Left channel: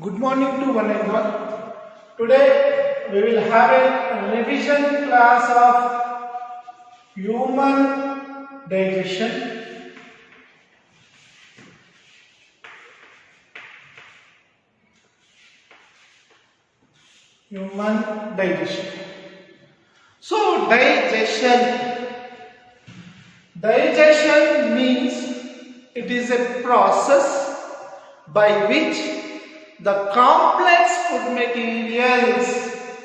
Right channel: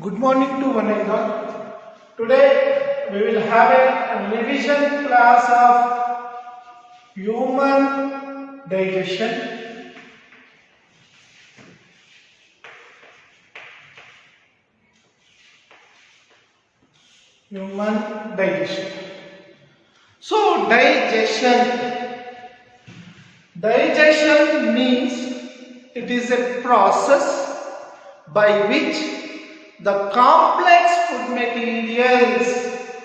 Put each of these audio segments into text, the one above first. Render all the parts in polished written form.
Good morning to one and all. Today we will have a revision class of human digestion. Human digestion. So digestion means it is a process by which the complex food materials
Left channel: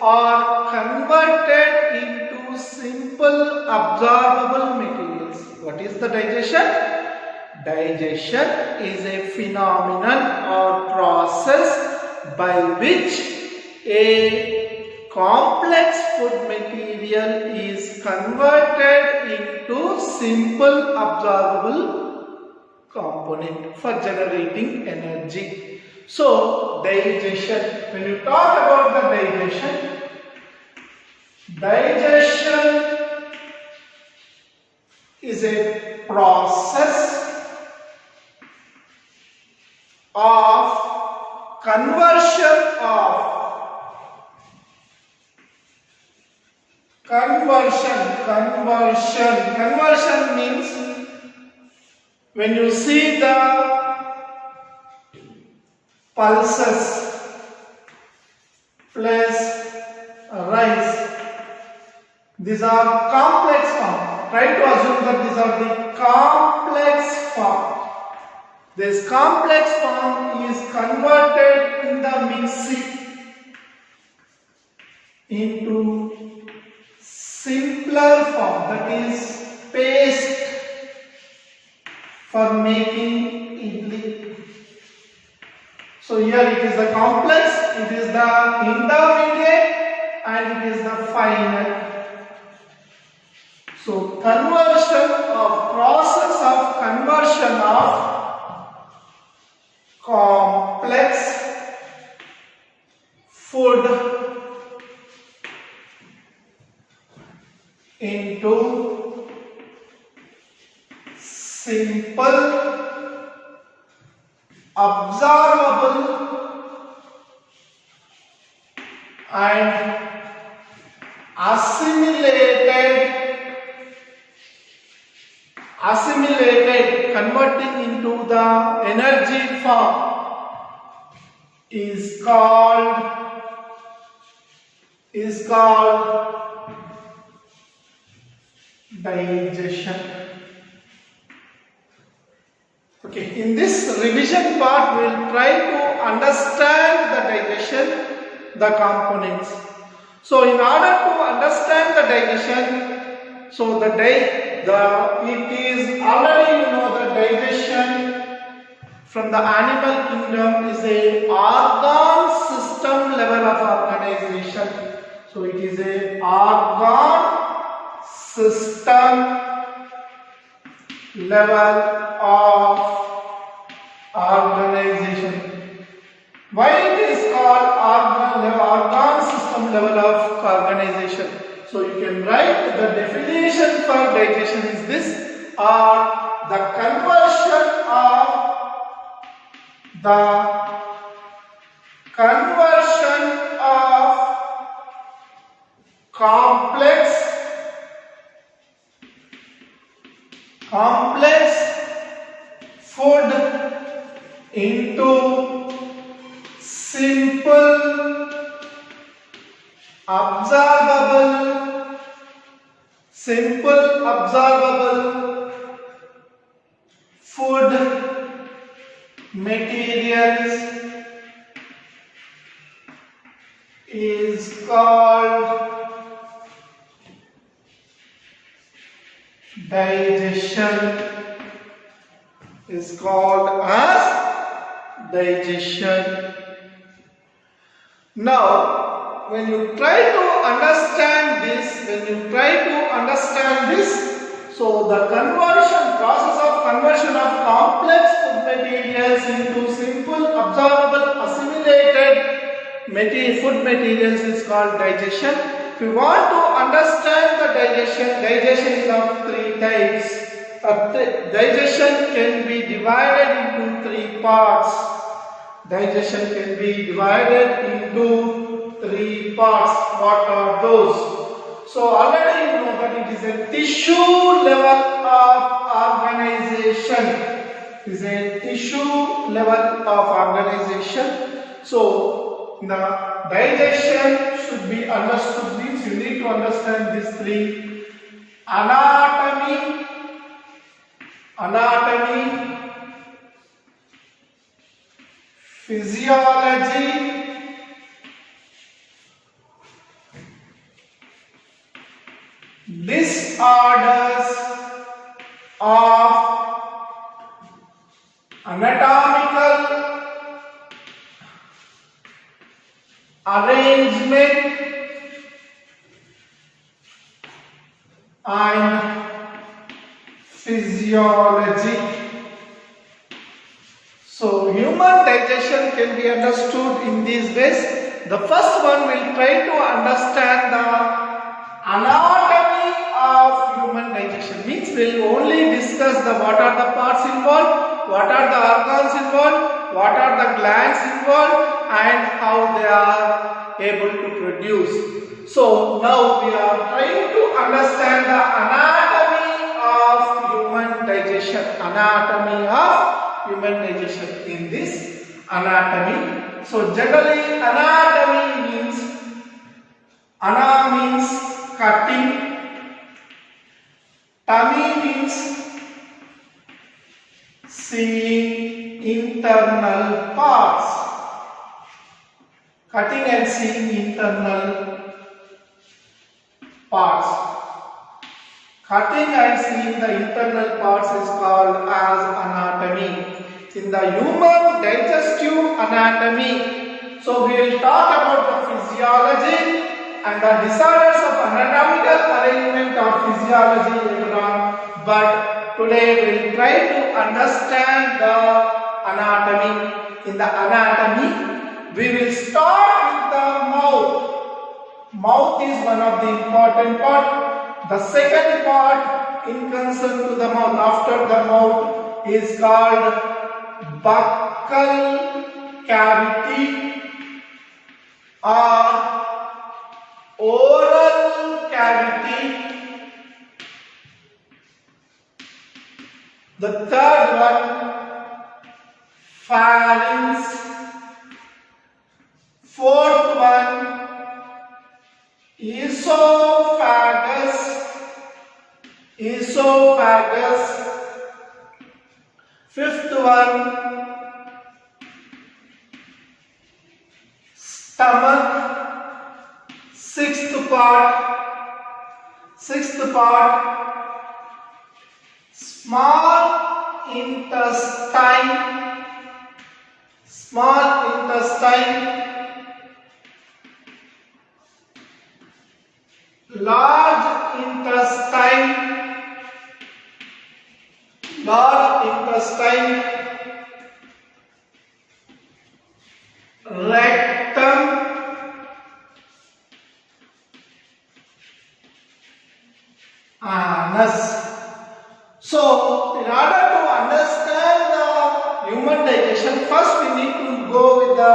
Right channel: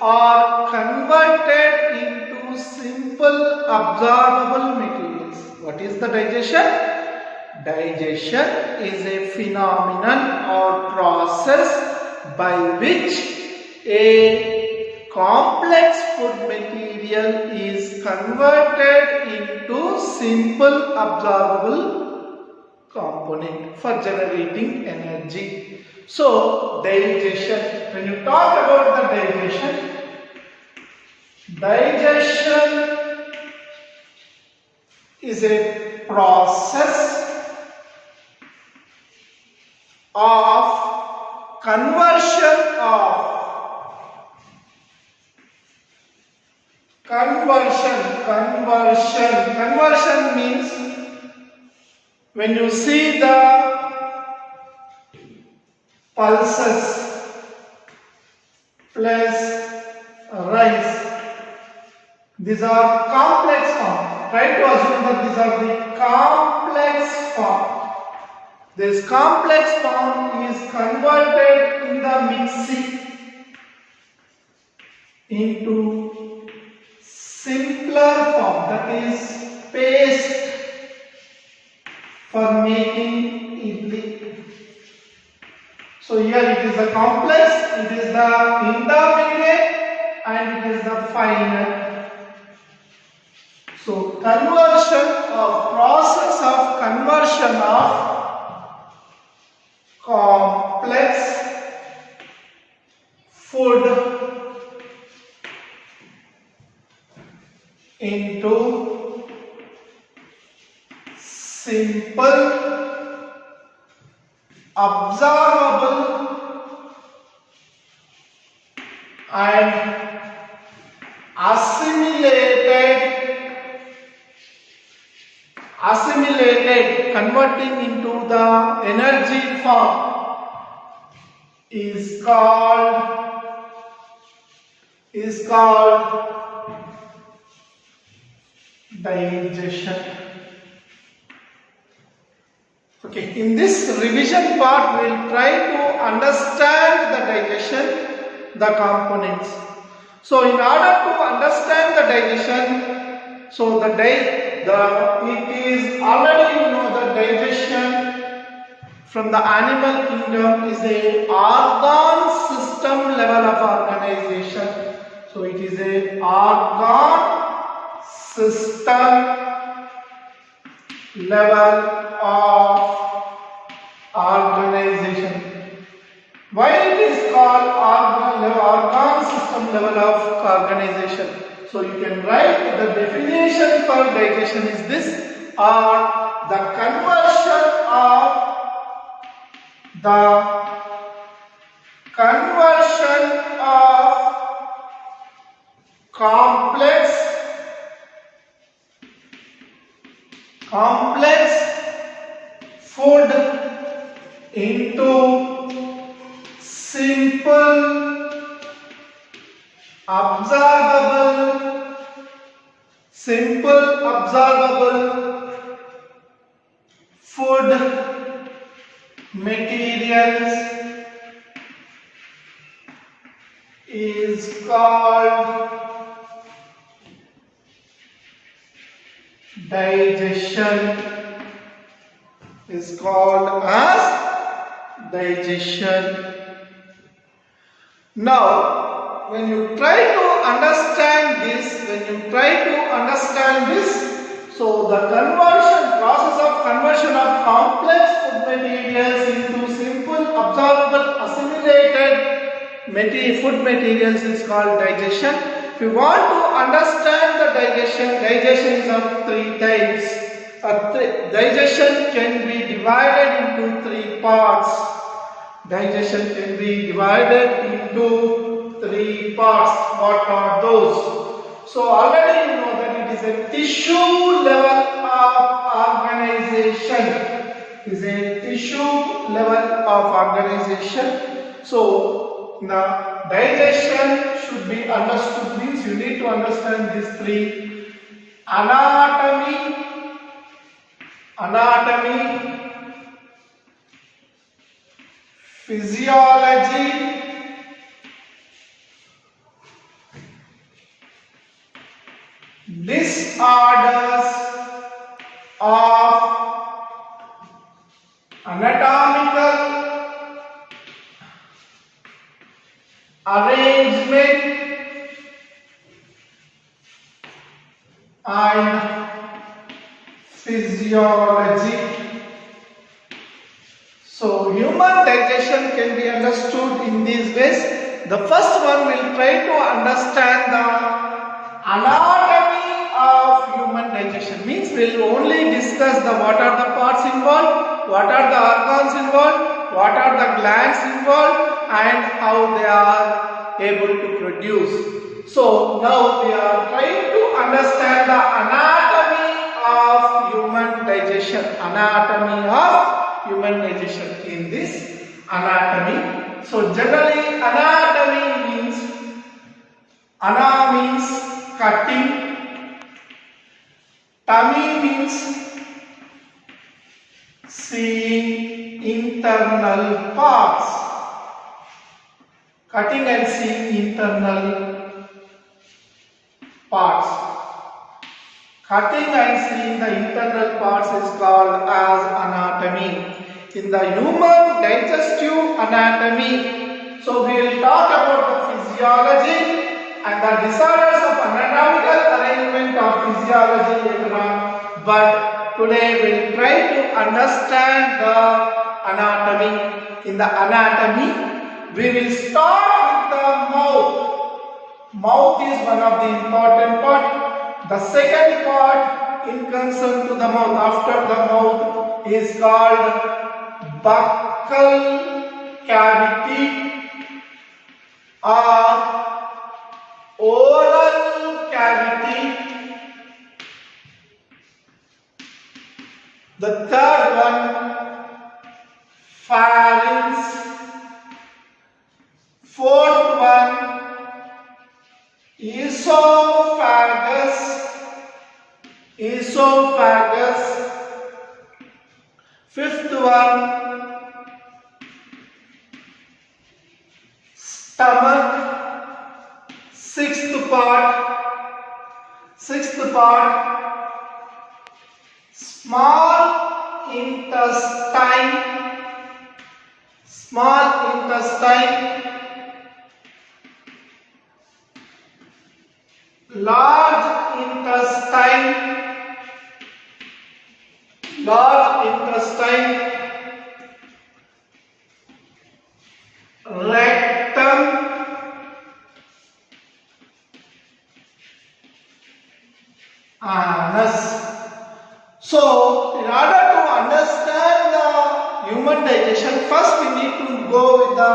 are converted into simple absorbable materials. What is the digestion? Digestion is a phenomenon or process by which a complex food material is converted into simple absorbable component for generating energy. So, digestion, when you talk about the digestion is a process of conversion means when you see the pulses plus rice. These are complex form. Try to assume that these are the complex form. This complex form is converted in the mixing into simpler form, that is paste for making idli. So here it is the complex, it is the intermediate and it is the final. So process of conversion of complex food into simple absorbable and assimilated converting into the energy form is called digestion. Okay, in this revision part we will try to understand the digestion, the components. So in order to understand the digestion, so it is already the digestion from the animal kingdom is a organ system level of organization. So it is a organ system level of organization. Why it is called organ system level of organization? So you can write the definition for digestion is this, or the conversion of complex food into simple absorbable food materials is called digestion. Is called as digestion. Now, when you try to understand this, so the process of conversion of complex food materials into simple, absorbable, assimilated food materials is called digestion. If you want to understand the digestion is of three types. Digestion can be divided into three parts. digestion can be divided into three parts. What are those? So already you know that it is a tissue level of organization. It is a tissue level of organization. So now digestion should be understood. Means you need to understand these three: anatomy, physiology, disorders of anatomical arrangement and physiology. So human digestion can be understood in these ways. The first one will try to understand the anatomy of human digestion. Means we will only discuss the what are the parts involved, what are the organs involved, what are the glands involved, and how they are able to produce. So now we are trying to understand the anatomy of human digestion. Anatomy of human digestion. In this anatomy, so generally anatomy means ana means cutting, tummy means seeing internal parts, cutting and seeing internal parts. Cutting and seeing the internal parts is called as anatomy. In the human digestive anatomy, so we will talk about the physiology and the disorders of anatomical arrangement of physiology later on. But today we will try to understand the anatomy. In the anatomy, we will start with the mouth. Mouth is one of the important part. The second part in concern to the mouth after the mouth is called buccal cavity or oral cavity. The third one, pharynx. Fourth one, esophagus. Fifth one, stomach. Sixth part, small intestine. Large intestine, rectum, anus. So, in order to understand the human digestion, first we need to go with the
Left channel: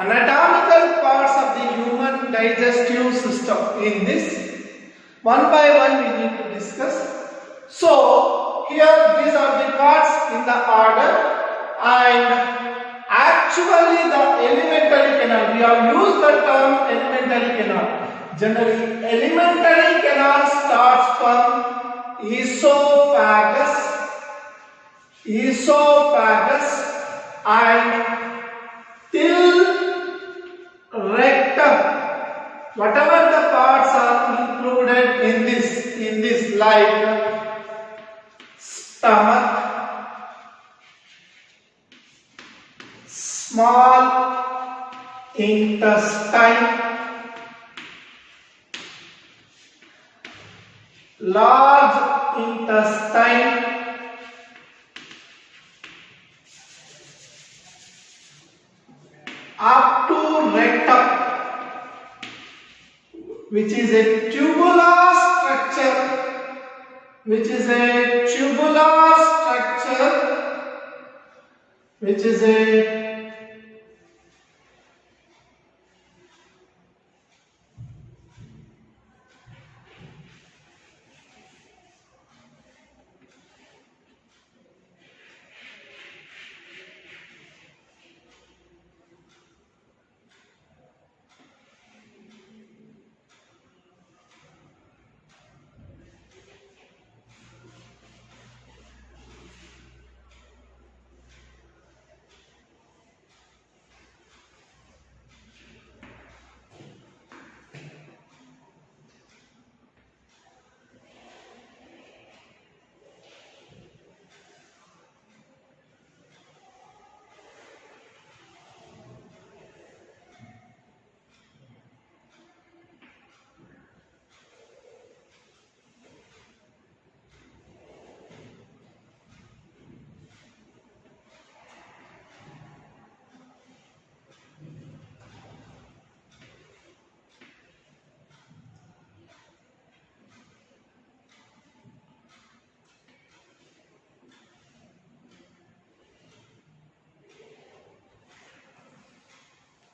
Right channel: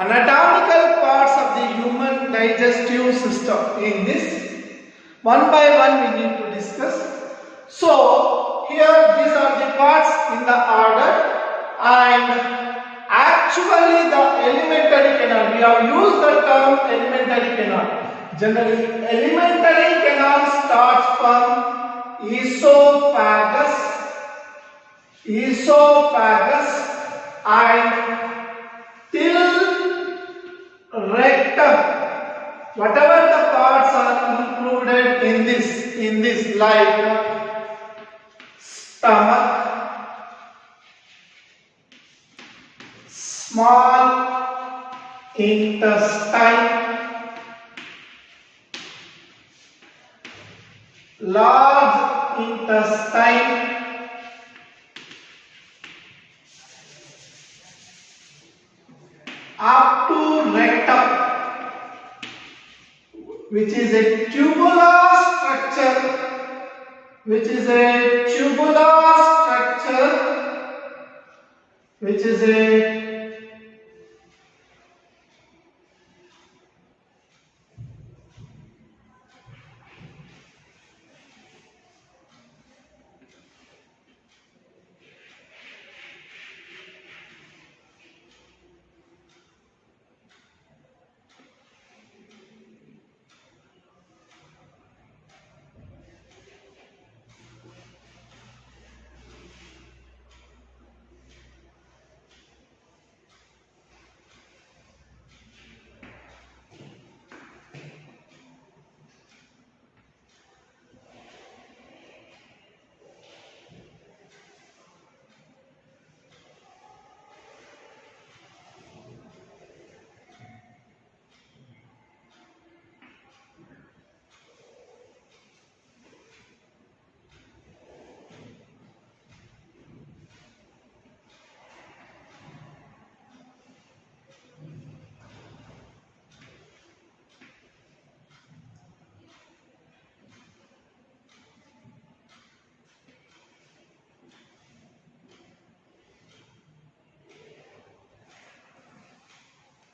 anatomical parts of the human digestive system. In this, one by one we need to discuss. So, here these are the parts in the order, and actually the alimentary canal, we have used the term alimentary canal. Generally, alimentary canal starts from esophagus and till rectum. Whatever the parts are included in this like stomach, small intestine, large intestine, up to rectum, which is a tubular structure, which is a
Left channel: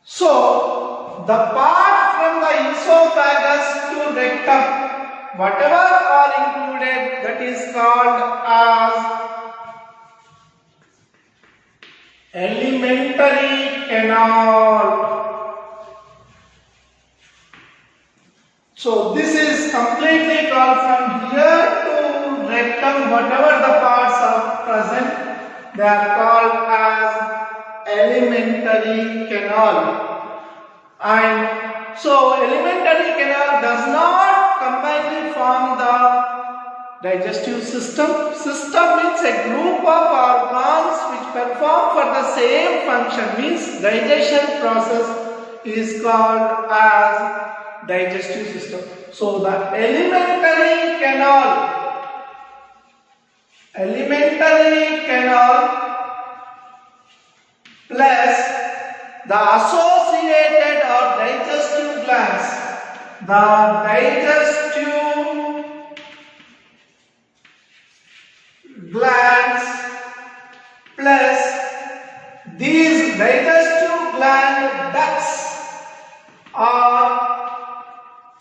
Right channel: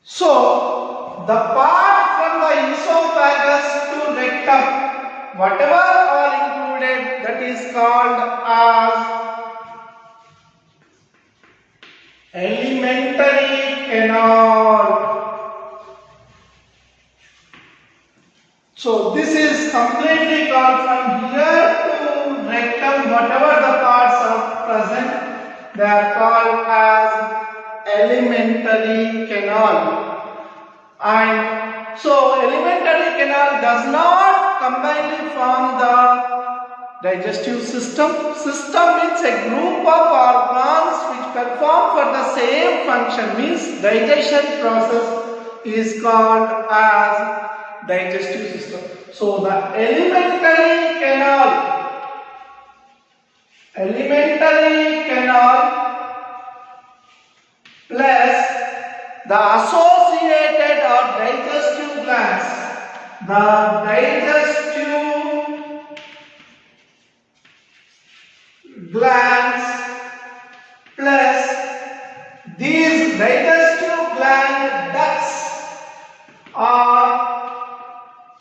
So, the part from the esophagus to rectum, whatever are included, that is called as alimentary canal. So, this is completely called from here to rectum, whatever the parts are present, they are called as alimentary canal. And so alimentary canal does not combinedly form the digestive system. System means a group of organs which perform for the same function, means digestion process is called as digestive system. So the alimentary canal plus the associated or digestive glands, the digestive glands plus these digestive gland ducts or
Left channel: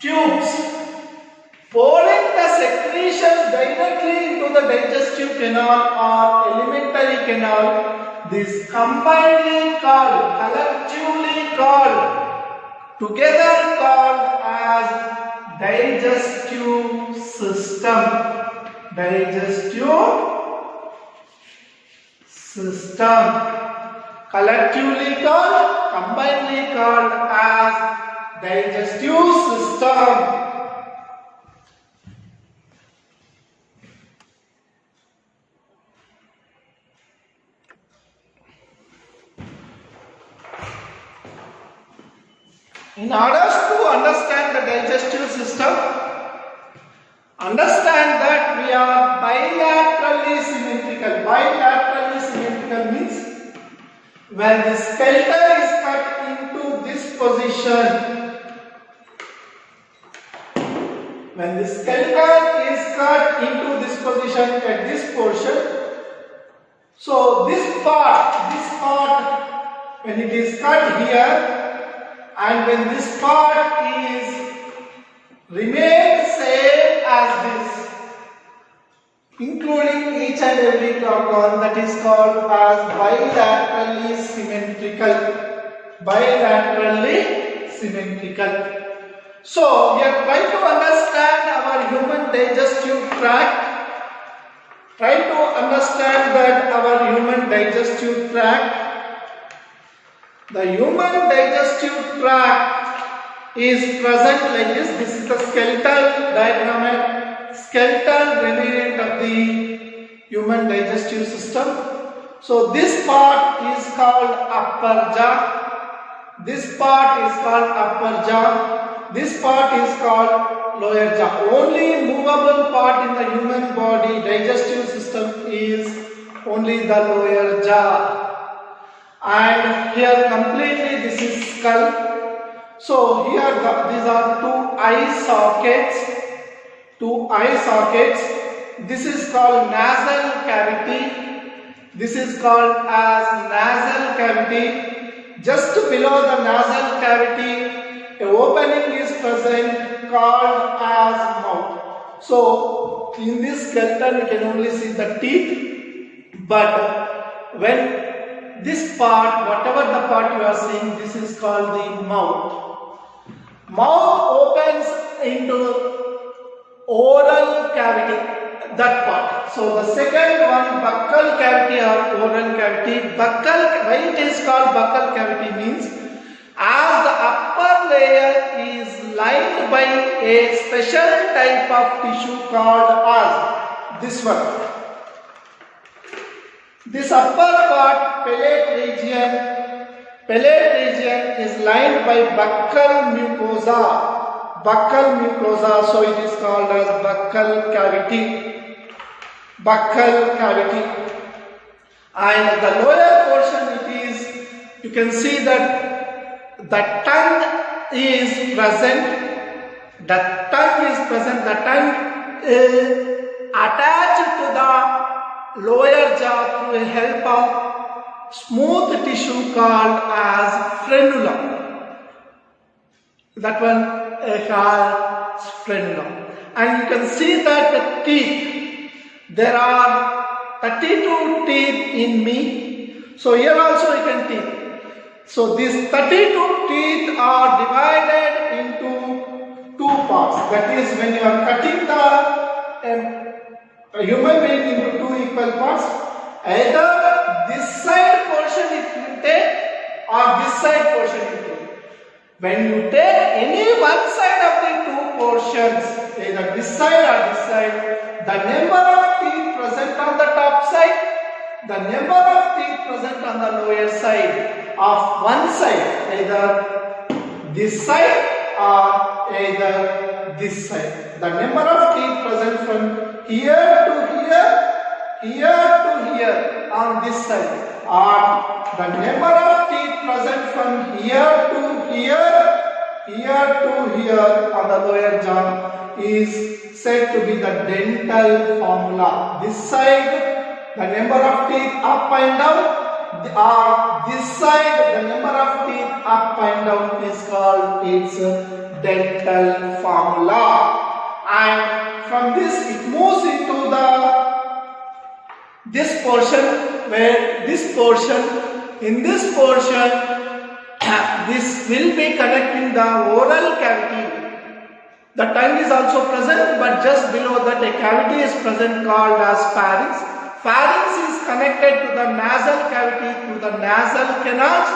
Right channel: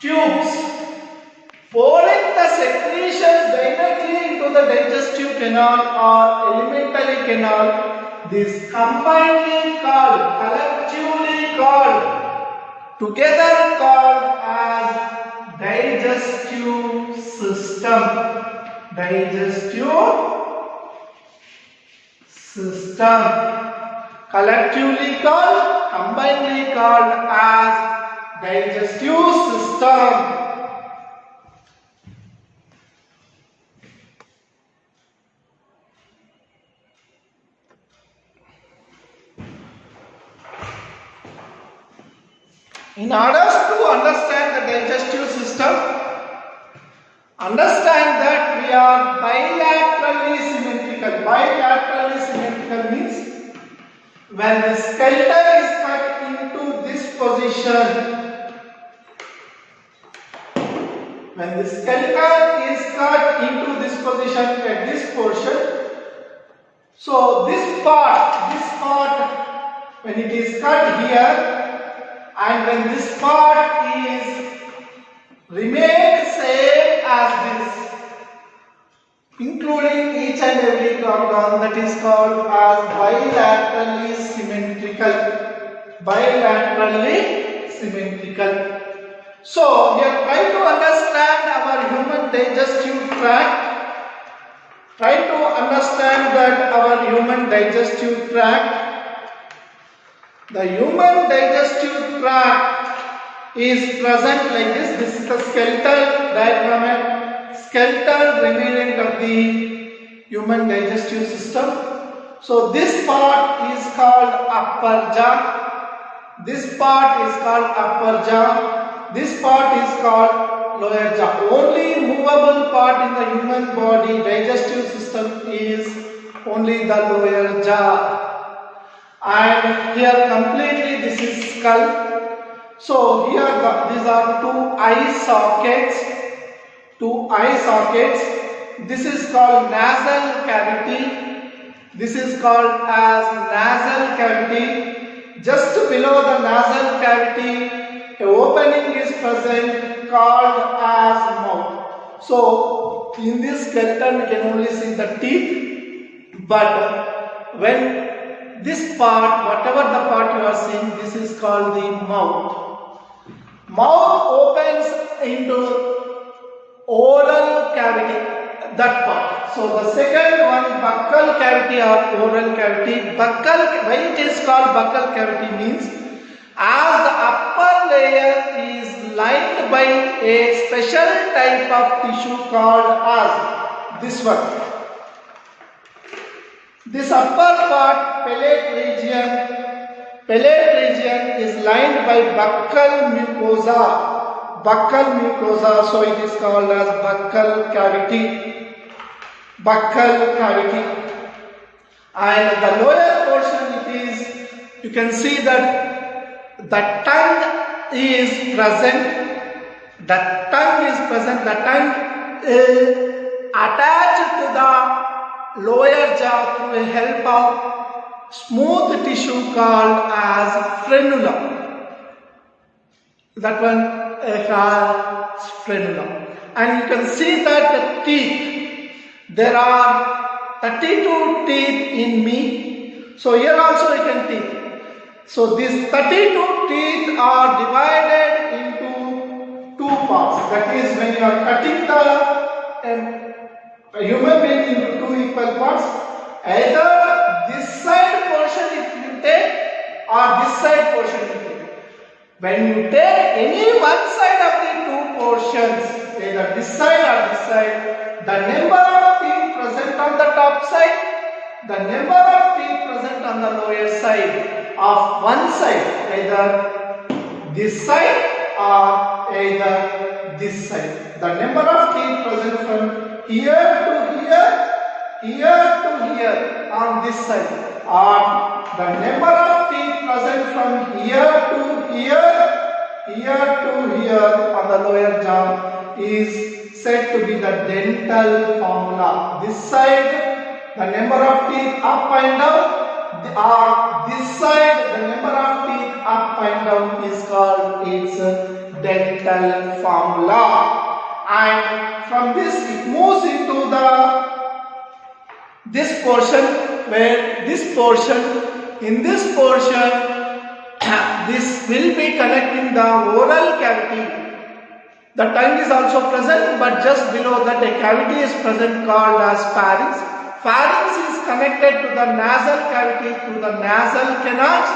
tubes pouring the secretions directly into the digestive canal or alimentary canal. This combinedly called, collectively called, together called as digestive system. Digestive system. Collectively called, combinedly called as digestive system. In order to understand the digestive system, understand that we are bilaterally symmetrical. Bilaterally symmetrical means when the skeleton is cut into this position, when the skeleton is cut into this position at this portion, so this part, when it is cut here, and when this part is remained same as this, including each and every organ, that is called as bilaterally symmetrical. Bilaterally symmetrical. So we are trying to understand our human digestive tract. Try to understand that our human digestive tract. The human digestive tract is present like this. This is the skeletal diagram, skeletal remnant of the human digestive system. So this part is called upper jaw. This part is called upper jaw. This part is called lower jaw. Only movable part in the human body digestive system is only the lower jaw. And here completely this is skull. So here these are two eye sockets. Two eye sockets. This is called nasal cavity. This is called as nasal cavity. Just below the nasal cavity, a opening is present called as mouth. So, in this skeleton, you can only see the teeth, but when this part, whatever the part you are seeing, this is called the mouth. Mouth opens into oral cavity, that part. So the second one, buccal cavity or oral cavity. Buccal, why it is called buccal cavity means, as the upper layer is lined by a special type of tissue called as this one. This upper part, palate region is lined by buccal mucosa. Buccal mucosa, so it is called as buccal cavity. Buccal cavity. And the lower portion, it is, you can see that the tongue is present. The tongue is present. The tongue is attached to the lower jaw through the help of smooth tissue called as frenulum. That one called frenulum. And you can see that the teeth, there are 32 teeth in me. So here also you can teeth. So these 32 teeth are divided into two parts. That is, when you are cutting a human being into two equal parts, either this side portion is you take or this side portion you take. When you take any one side of the two portions, either this side or this side, the number of teeth present on the top side, the number of teeth present on the lower side of one side, either this side or either this side. The number of teeth present from here to here, here to here on this side, or the number of teeth present from here to here, here to here on the lower jaw is said to be the dental formula. This side, the number of teeth up and down, or this side, the number of teeth up and down is called its dental formula. And from this it moves into this portion, where this portion, in this portion, this will be connecting the oral cavity. The tongue is also present, but just below that a cavity is present called as pharynx. Pharynx is connected to the nasal cavity through the nasal canals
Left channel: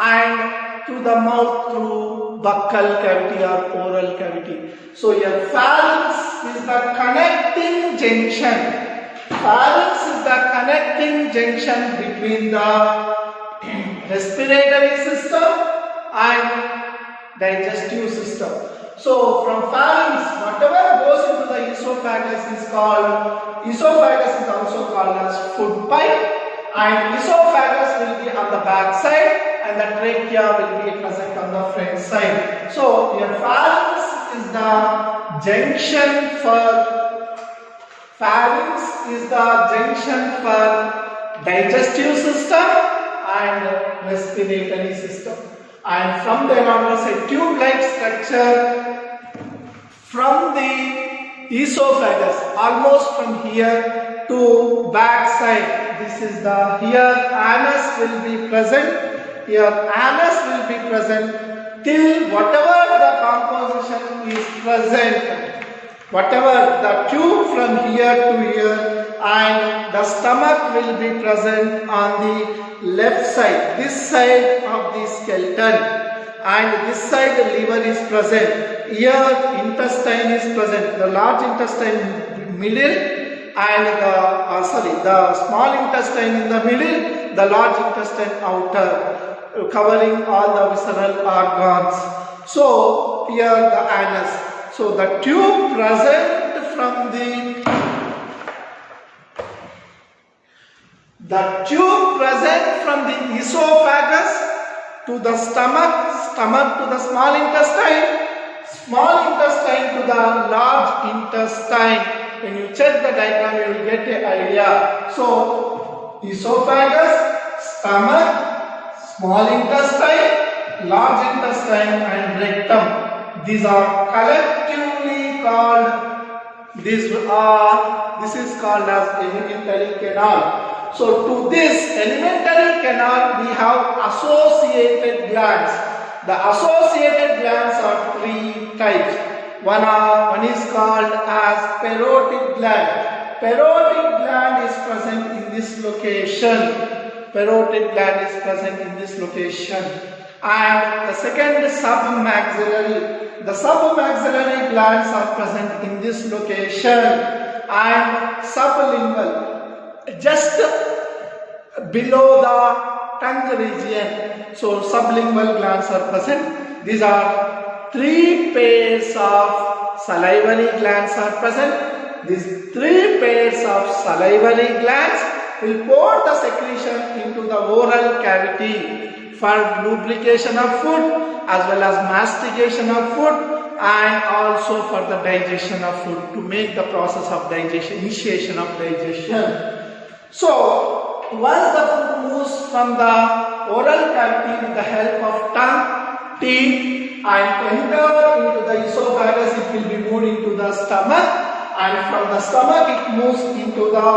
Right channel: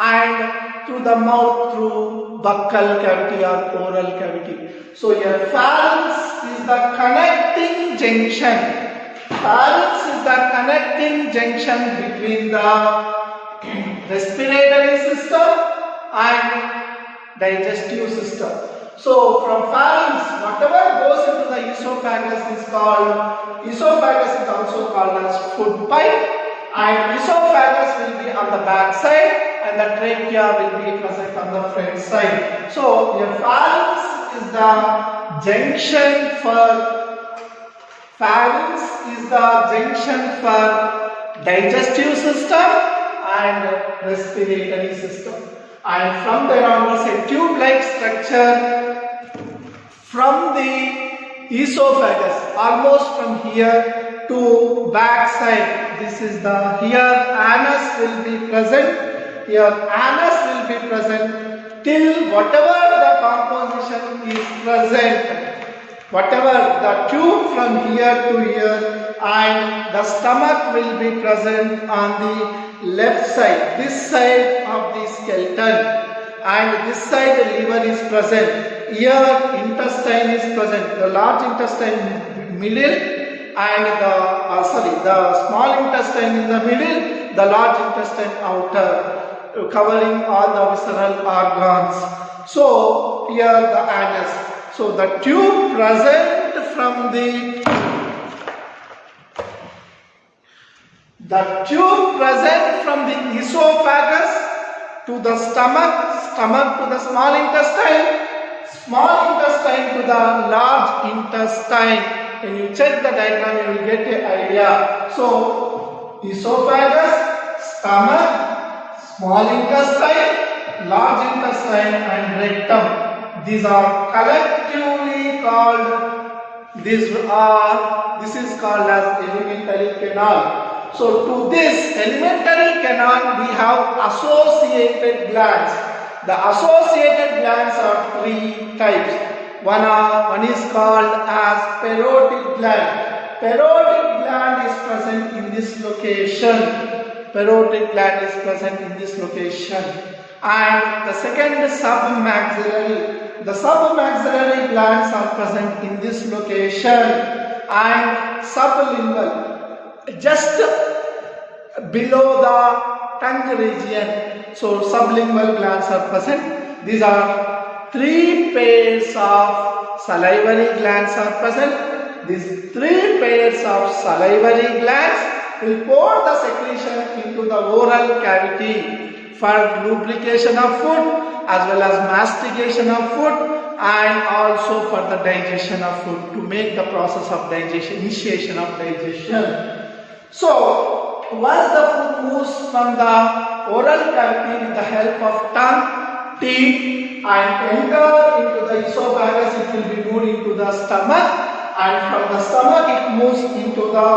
and to the mouth through buccal cavity or oral cavity. So your pharynx is the connecting junction. Pharynx is the connecting junction between the respiratory system and digestive system. So from pharynx, whatever goes into the esophagus is called, esophagus is also called as food pipe, and esophagus will be on the back side and the trachea will be present on the front side. So your pharynx is the junction for digestive system and respiratory system. And from there onwards, a tube-like structure from the esophagus, almost from here to back side. This is the, here anus will be present. Here anus will be present till whatever the composition is present. Whatever the tube from here to here, and the stomach will be present on the left side, this side of the skeleton, and this side the liver is present. Here intestine is present, the large intestine middle, and the small intestine in the middle, the large intestine outer, covering all the visceral organs. So here the anus. So the tube present from the esophagus to the stomach, stomach to the small intestine to the large intestine. When you check the diagram, you will get an idea. So esophagus, stomach, small intestine, large intestine and rectum. These are collectively called, this is called as alimentary canal. So to this alimentary canal we have associated glands. The associated glands are three types. One is called as parotid gland. Parotid gland is present in this location. Parotid gland is present in this location. And the second is submaxillary. The submaxillary glands are present in this location. And sublingual, just below the tongue region. So sublingual glands are present. These are three pairs of salivary glands are present. These three pairs of salivary glands will pour the secretion into the oral cavity for lubrication of food as well as mastication of food and also for the digestion of food, to make the process of digestion, initiation of digestion. So once the food moves from the oral cavity with the help of tongue, teeth and enter into the esophagus, it will be moved into the stomach, and from the stomach it moves into the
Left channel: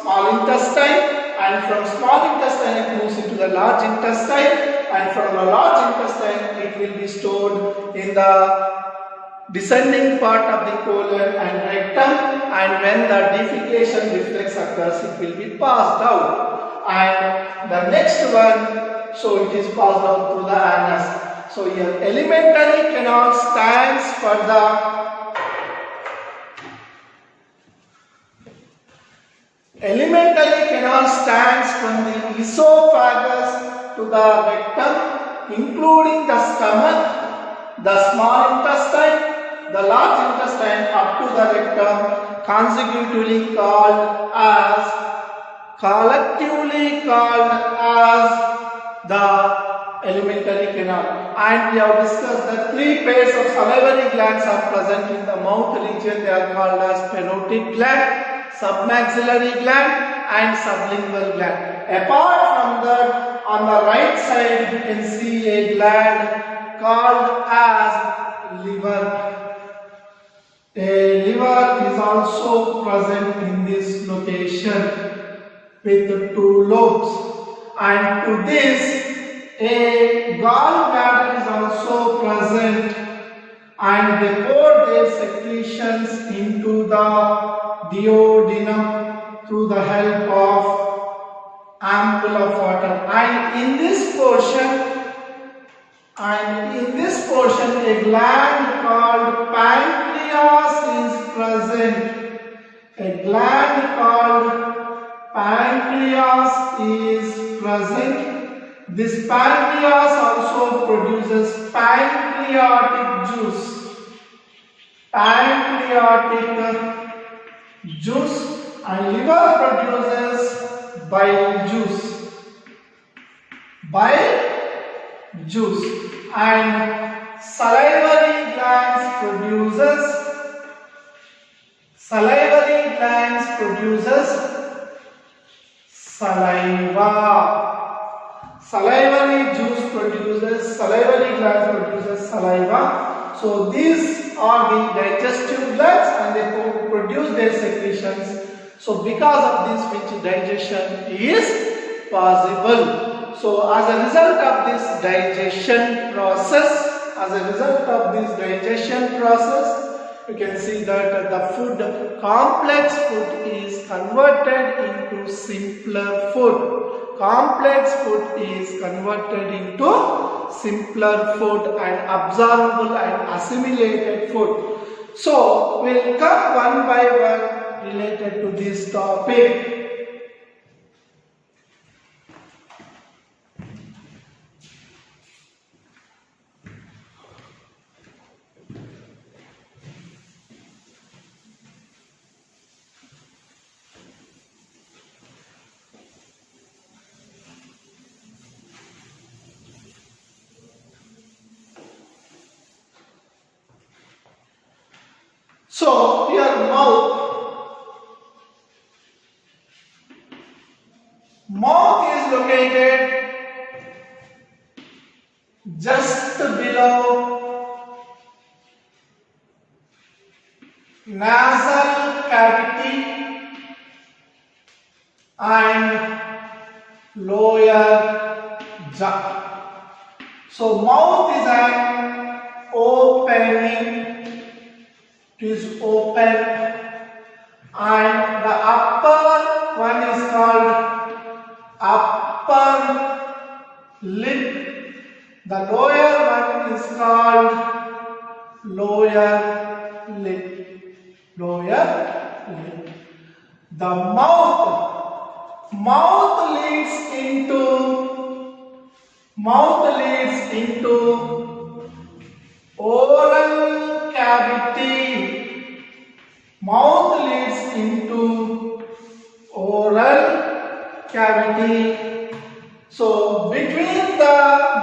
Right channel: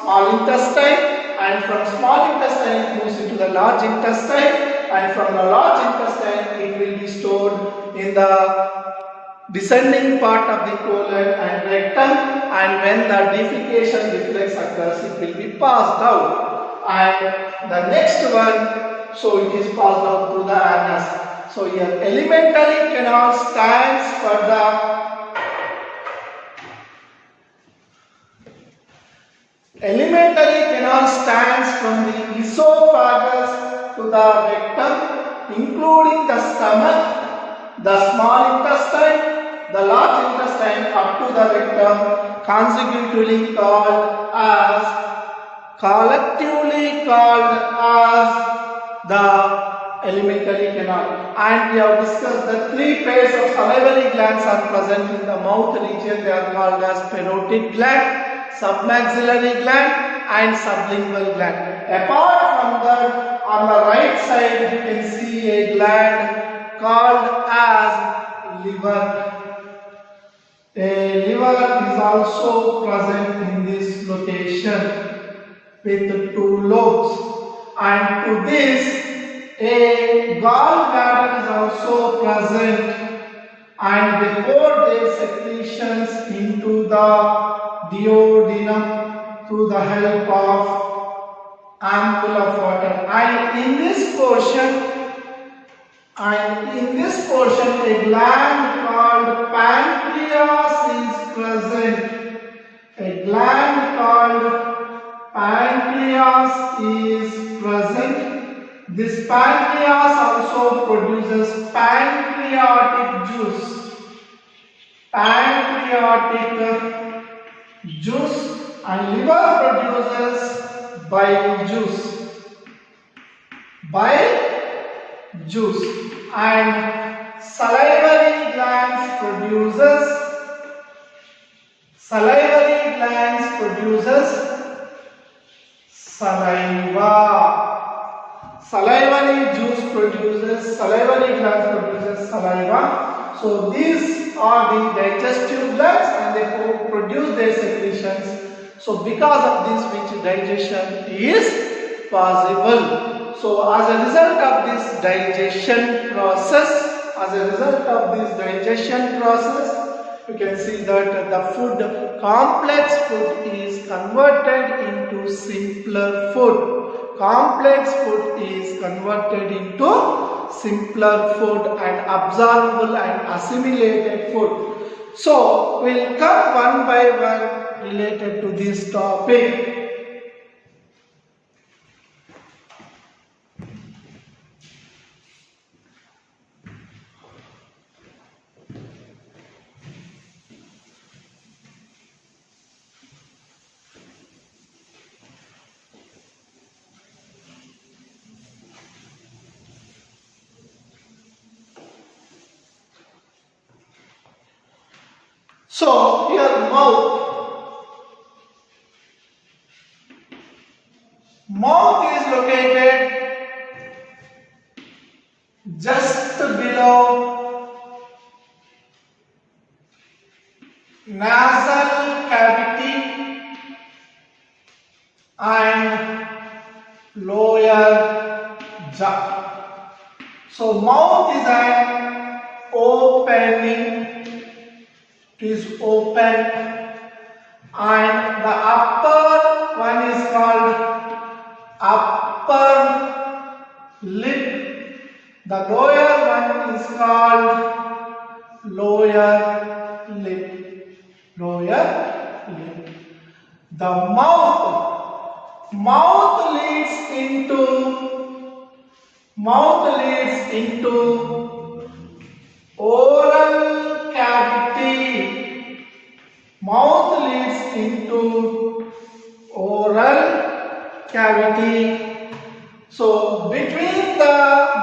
small intestine, and from small intestine it moves into the large intestine, and from the large intestine it will be stored in the descending part of the colon and rectum, and when the defecation reflex occurs it will be passed out. And the next one, so it is passed out through the anus. So here alimentary canal stands for the alimentary canal stands from the esophagus to the rectum, including the stomach, the small intestine, the large intestine up to the rectum, consecutively collectively called as the alimentary canal. And we have discussed the three pairs of salivary glands are present in the mouth region. They are called as parotid gland, submaxillary gland and sublingual gland. Apart from that, on the right side you can see a gland called as liver. A liver is also present in this location with two lobes, and to this a gallbladder is also present, and they pour their secretions into the duodenum through the help of ampoule of water. And in this portion a gland called pancreas is present. A gland called pancreas is present. This pancreas also produces pancreatic juice. And liver produces bile juice. And salivary glands produces saliva. Salivary gland produces saliva. So these are the digestive glands and they produce their secretions. So because of this which digestion is possible. So as a result of this digestion process, you can see that the complex food is converted into simpler food. And absorbable and assimilated food. So we'll come one by one related to this topic. So here mouth. is located just below nasal cavity and lower jaw. So mouth is an opening, is open, and the upper one is called upper lip. The lower one is called lower lip. Lower lip. The mouth leads into oral cavity. Mouth leads into oral cavity. So between the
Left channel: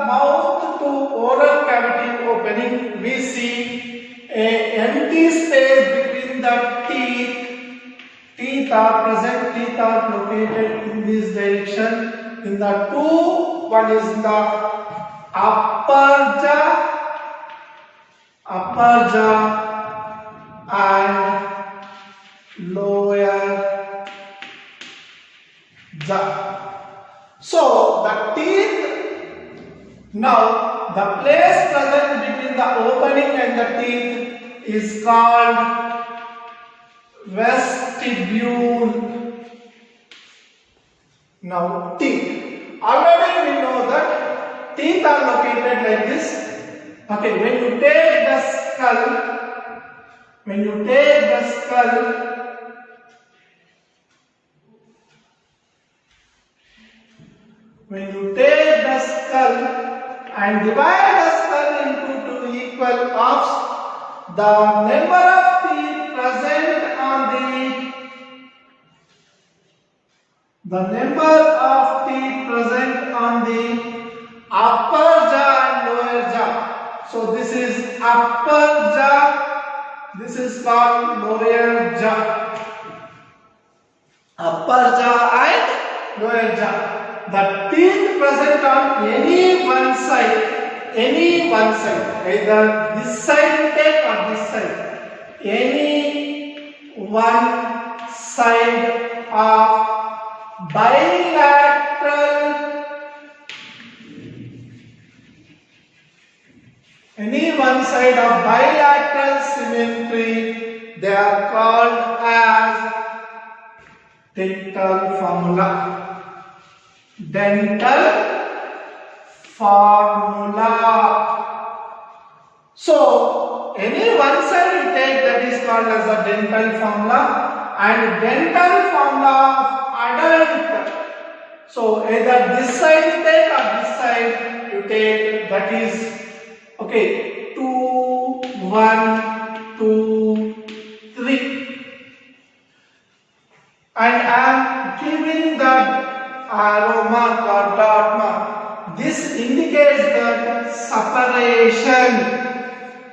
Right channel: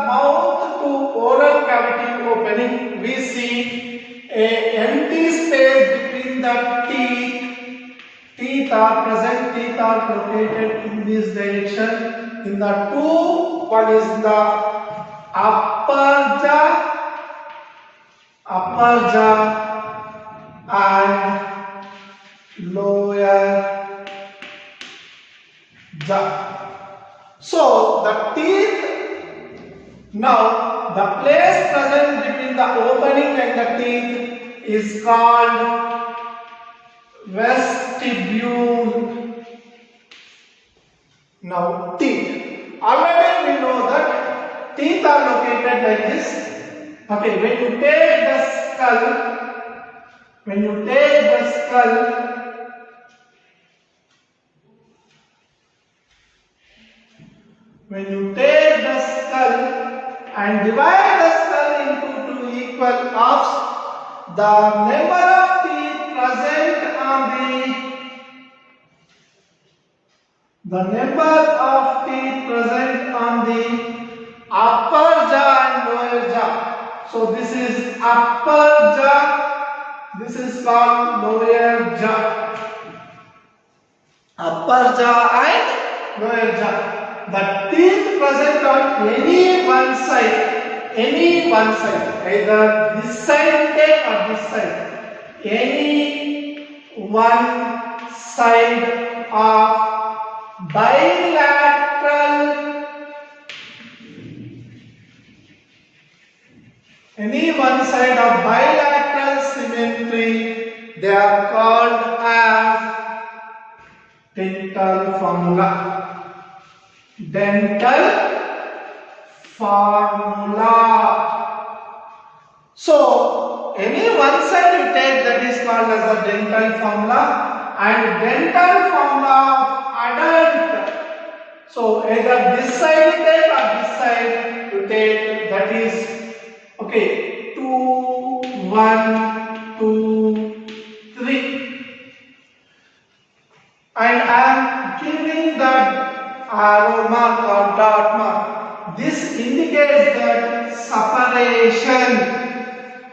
mouth to oral cavity opening, we see a empty space between the teeth. Teeth are present, teeth are located in this direction. In the two, one is the upper jaw and lower jaw. So the teeth, now the place present between the opening and the teeth is called vestibule. Now teeth. Already we know that teeth are located like this. Okay, when you take the skull and divide the skull into two equal halves, the number of teeth present on the upper jaw and lower jaw. So this is upper jaw, this is called lower jaw. Upper jaw and lower jaw. The teeth present on any one side, either this side you take or this side, any one side of bilateral, symmetry, they are called as dental formula. So any one side you take, that is called as the dental formula, and dental formula of adult. So either this side you take or this side you take, that is okay, 2, 1, 2, 3. And I am giving that arrow mark or dot mark. This indicates that separation.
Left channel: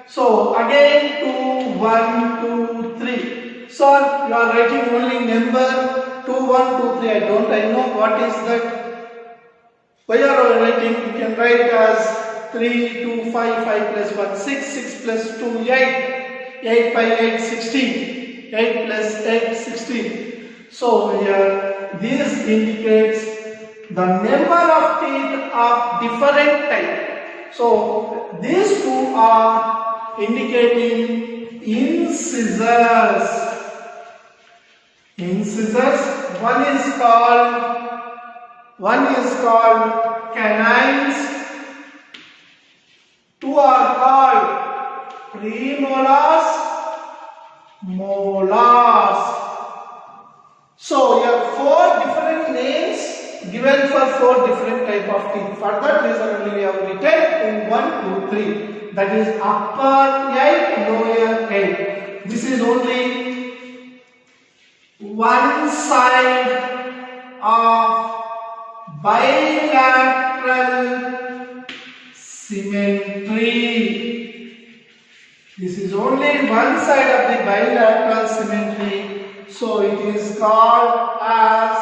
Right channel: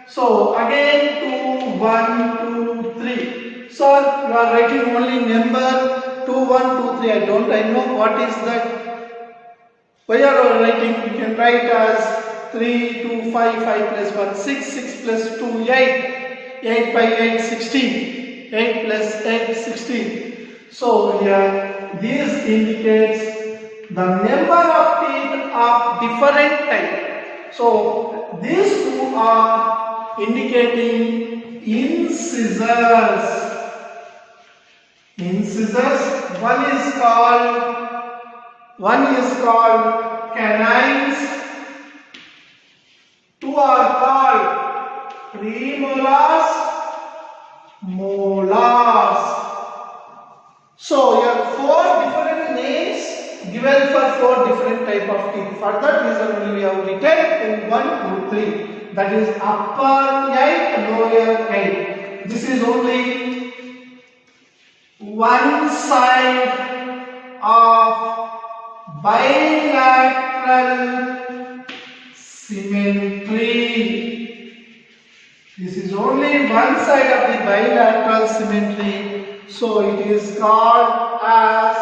So again 2, 1, 2, 3. So you are writing only number 2, 1, 2, 3. I know what is that. Why are you writing? You can write as 3, 2, 5, 5 plus 1, 6, 6 plus 2, 8, 8 by 8, 16, 8 plus 8, 16. So here, this indicates the number of teeth of different type. So these two are indicating incisors. One is called canines. Two are called premolars, molars. So here are 4 different names given for 4 different type of teeth. For that reason only we have written in 1, 2, 3. That is upper 8, lower 8. This is only one side of bilateral symmetry. This is only one side of the bilateral symmetry. So it is called as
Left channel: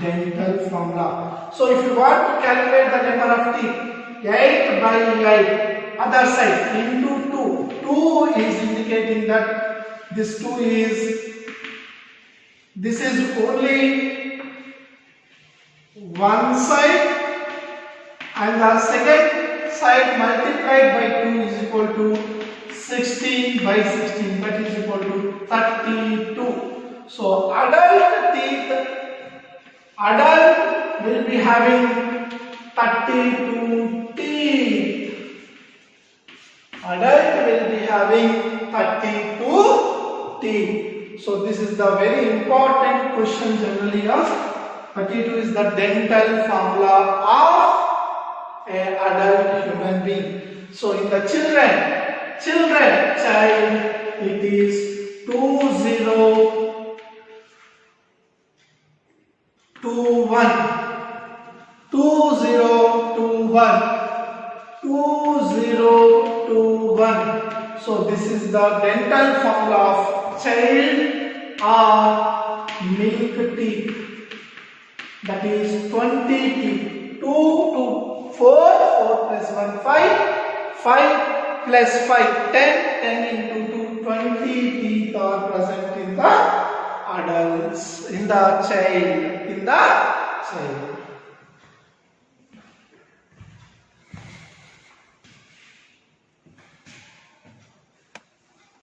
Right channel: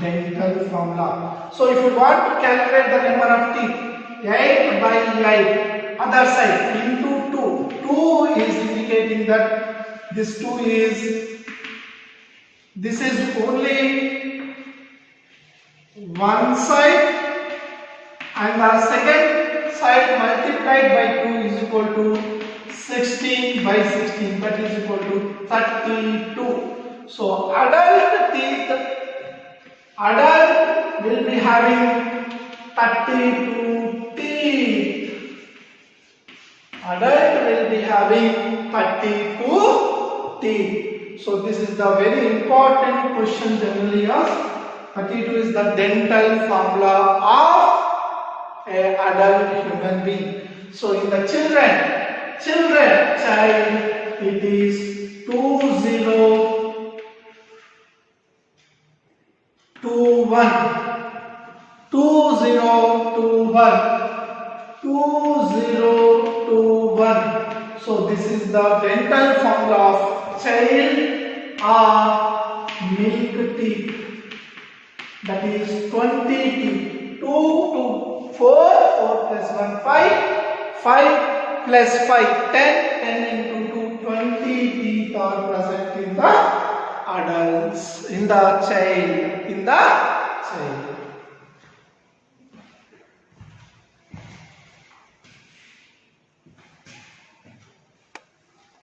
dental formula. So if you want to calculate the number of teeth, 8 by 8, other side into 2. 2 is indicating that this 2 is, this is only one side, and the second side multiplied by 2 is equal to 16 by 16, that is equal to 32. So adult teeth, adult will be having 32 teeth. Adult will be having 32 teeth. So this is the very important question generally asked. 32 is the dental formula of an adult human being. So in the child, it is 2021. 2021. So this is the dental formula of child or milk teeth. That is 20 teeth. 2 to 4, 4 plus 1, 5, 5 plus 5, 10, 10 into 2, 20 teeth are present in the adults, in the child,